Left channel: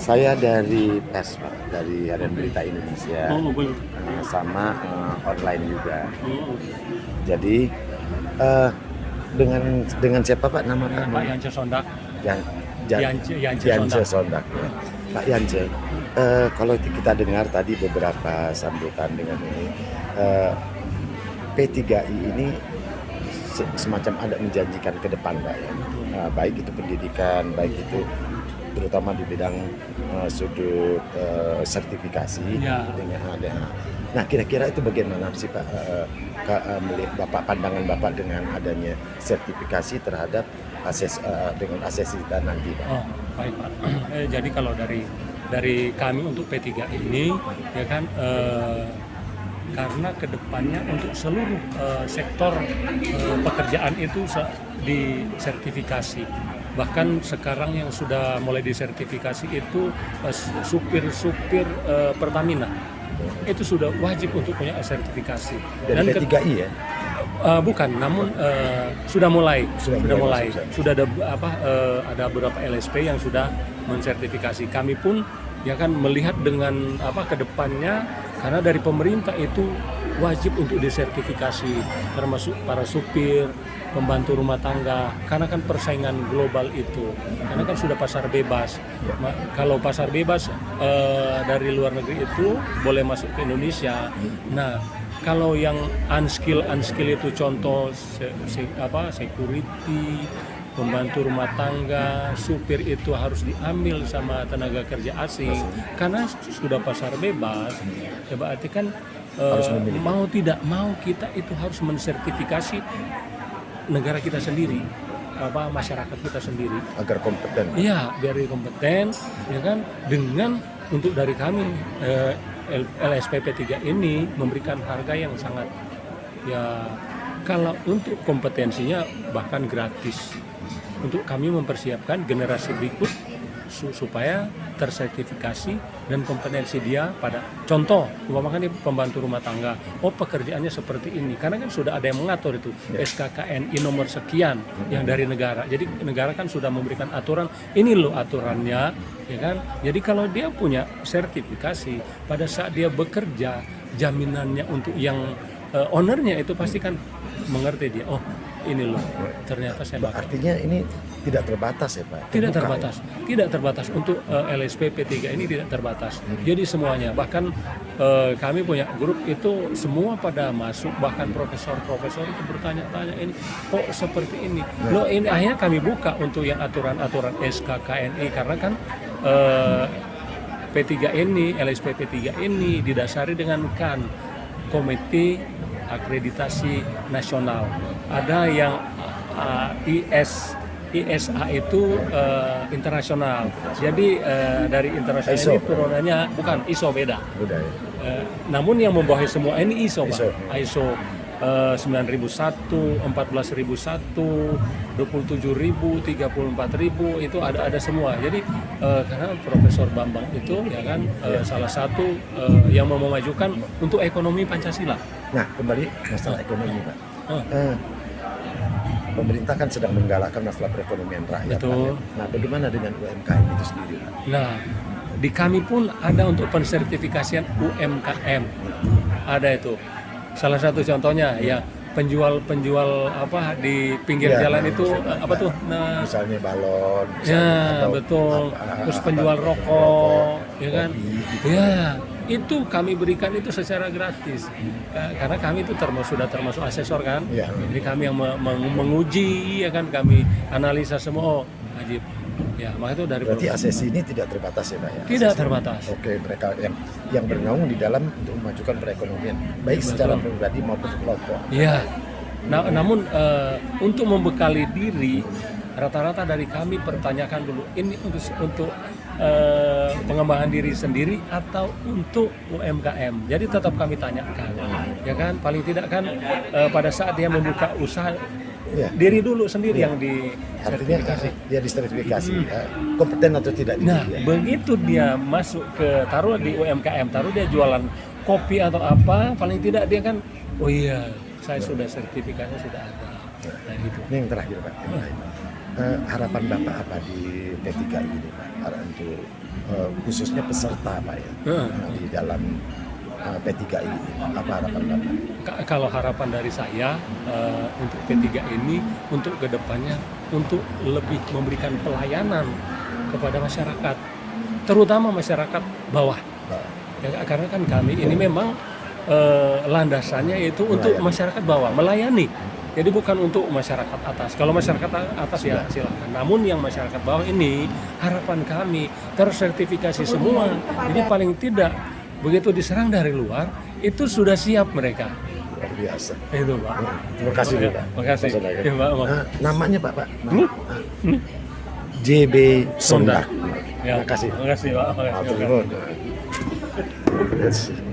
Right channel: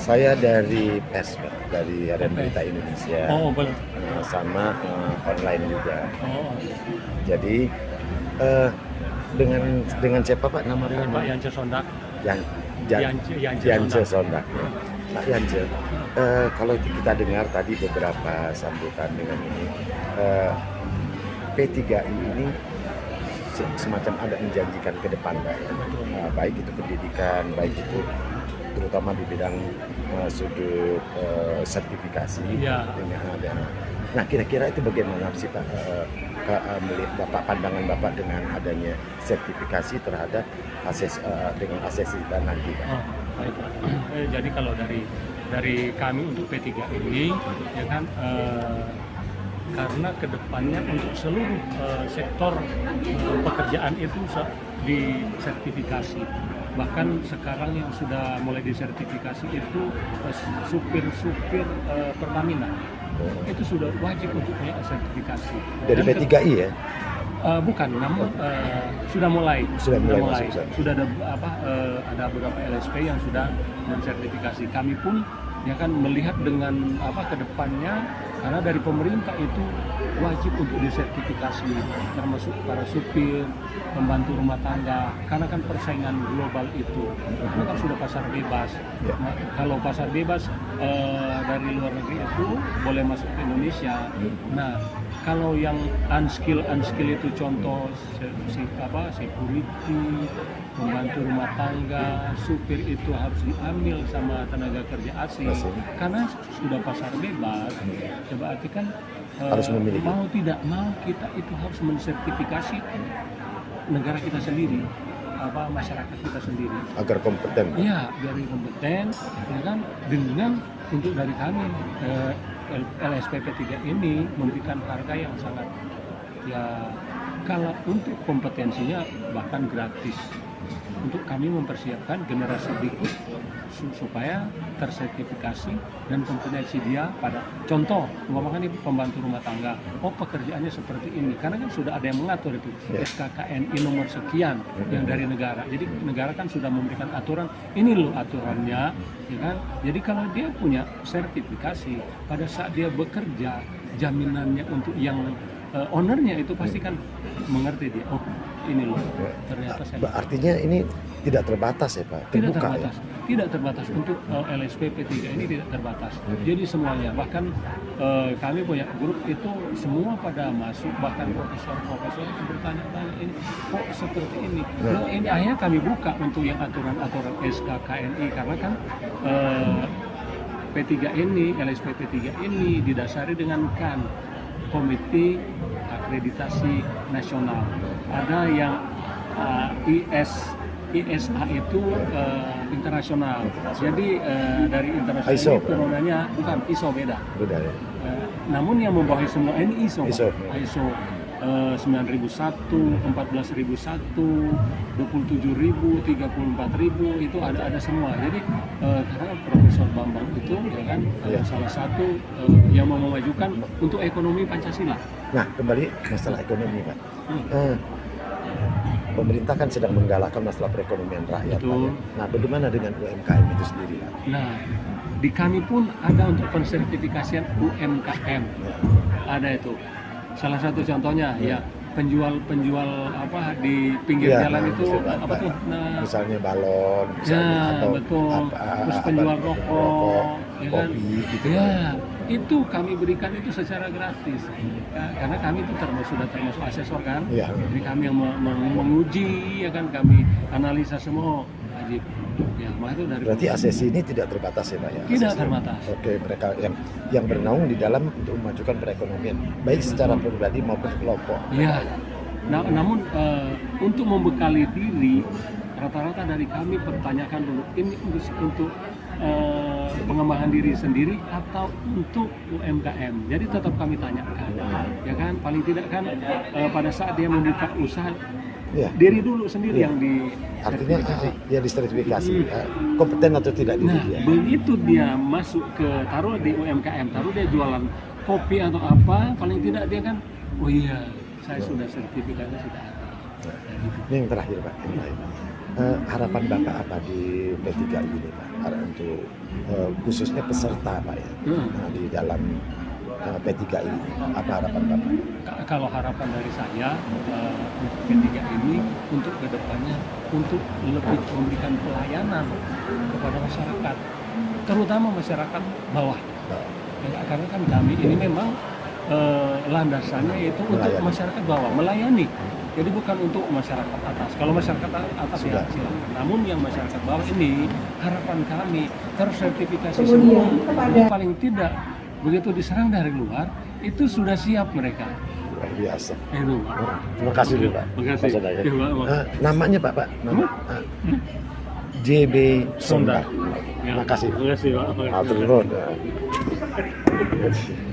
Saya dari pers, Pak, dari Harian Berita Indonesia, Oh, baru. sama online juga. Oh, Jadi eh, dengan siapa Pak nama kamu? Pak Yance Sondak. Jan, Yance Yance Sondak. Sondak. Ya. Pak Yance, kalau kita dengar tadi beberapa sambutan dengan ini, P3I ini semacam ada menjanjikan ke depan, Pak, ya. Baik itu pendidikan, baik itu terutama di bidang sudut sertifikasi. Ya. Dengan ada. Nah, kira-kira itu bagaimana sih Pak, melihat Bapak, pandangan Bapak dengan adanya sertifikasi terhadap dengan asesita nanti, Pak? Oh, baik Pak. Jadi kalau dari kami untuk P3 ini, ya kan, karena kedepannya untuk seluruh sektor pekerjaan itu disertifikasi. Bahkan sekarang yang sudah mulai disertifikasi itu supir-supir Pertamina. Itu sudah wajib untuk punya sertifikasi. Dari P3I ya? Bukan, namun sudah mulai. Sudah. Sudah ada beberapa LSP yang sudah mensertifikasi. Kami pun ya kan melihat dengan kedepannya, karena dari pemerintah itu wajib untuk disertifikasi, termasuk para supir, pembantu rumah tangga, karena kan persaingan global itu, karena kan sudah pasar bebas. Nah, kalau pasar bebas dari luar negeri itu boleh masuk ke Indonesia. Nah, kalau yang unskill itu contoh security, pembantu rumah tangga, supir itu harus diambil sama tenaga kerja asing karena sudah pasar bebas. Ya berarti kan harus memiliki. mau tidak mau kita itu harus mensertifikasi negara kita sendiri, masyarakat kita sendiri Agar kompeten. iya, biar kompeten, ya kan, dengan untuk dari kami LSPP 3 ini memberikan harga yang sangat, ya kalau untuk kompetensinya bahkan gratis untuk kami mempersiapkan generasi berikut supaya tersertifikasi dan kompetensi dia pada contoh umpamakan pembantu rumah tangga, pekerjaannya seperti ini, karena kan sudah ada yang mengatur itu SKKNI nomor sekian yang dari negara. Jadi negara kan sudah memberikan aturan, ini loh aturannya, ya kan. Jadi kalau dia punya sertifikasi, pada saat dia bekerja, jaminannya untuk yang ownernya itu pasti kan mengerti dia, oh ini loh ternyata saya. Artinya ini tidak terbatas ya Pak? Tidak terbatas, tidak terbatas untuk LSP P3 ini tidak terbatas. Jadi semuanya, bahkan kami punya grup itu semua pada masuk, bahkan profesor-profesor itu bertanya-tanya, ini kok seperti ini. Loh, ini akhirnya kami buka untuk yang aturan-aturan SKKNI, karena kan P3 ini, LSP P3 ini didasari dengan KAN, Komite Akreditasi Nasional. Ada yang ISA itu internasional. Jadi dari internasional ISO, ini turunannya bukan ISO, beda. Beda ya. Namun yang membawahi semua ini ISO, ISO. Pak. ISO 9001, 14001, 27000, 34000 itu ada semua. Jadi karena Profesor Bambang itu ya kan salah satu yang mau memajukan untuk ekonomi Pancasila. Nah, kembali masalah ekonomi Pak. Pemerintah kan sedang menggalakkan masalah perekonomian rakyat Pak, ya. Nah, bagaimana dengan UMKM itu sendiri Pak? Nah, di kami pun ada untuk pensertifikasian UMKM. Ada itu. Salah satu contohnya ya penjual di pinggir jalan itu apa tuh? Nah, misalnya balon, atau betul. Terus penjual rokok, ya kan? Kopi, gitu ya. Itu kami berikan itu secara gratis, karena kami itu sudah termasuk asesor kan, jadi kami yang menguji, ya kan, kami analisa semua wajib. Ya, maka itu dari. Berarti asesi ini tidak terbatas ya Pak ya? Tidak terbatas. Oke, mereka yang bernaung di dalam untuk memajukan perekonomian, baik secara pribadi maupun kelompok. Iya. Nah, namun untuk membekali diri, rata-rata dari kami pertanyakan dulu, ini untuk pengembangan diri sendiri atau untuk UMKM. Jadi tetap kami tanyakan, ya kan, paling tidak kan pada saat dia membuka usaha, diri dulu sendiri yang artinya dia disertifikasi, kompeten atau tidak di dia. Begitu dia masuk ke taruh di UMKM, taruh dia jualan kopi atau apa, paling tidak dia kan, oh iya, saya sudah sertifikatnya sudah ada. Ini yang terakhir Pak. harapan Bapak apa di P3I ini Pak? Untuk khususnya peserta Pak ya, di dalam P3I ini Pak. Apa harapan Bapak? Kalau harapan dari saya untuk P3 ini untuk kedepannya untuk lebih memberikan pelayanan kepada masyarakat, terutama masyarakat bawah. Ya, karena kan kami ini memang landasannya itu untuk masyarakat bawah, melayani. Jadi bukan untuk masyarakat atas. Kalau masyarakat atas ya silakan. Namun yang masyarakat bawah ini harapan kami tersertifikasi semua. Jadi paling tidak begitu diserang dari luar itu sudah siap mereka. Luar biasa. Itu Pak. Terima kasih Pak. Terima kasih. Ya, Pak. namanya Pak. Nama JB Sondak. Ya, Terima kasih. Terima kasih Pak. Terima kasih.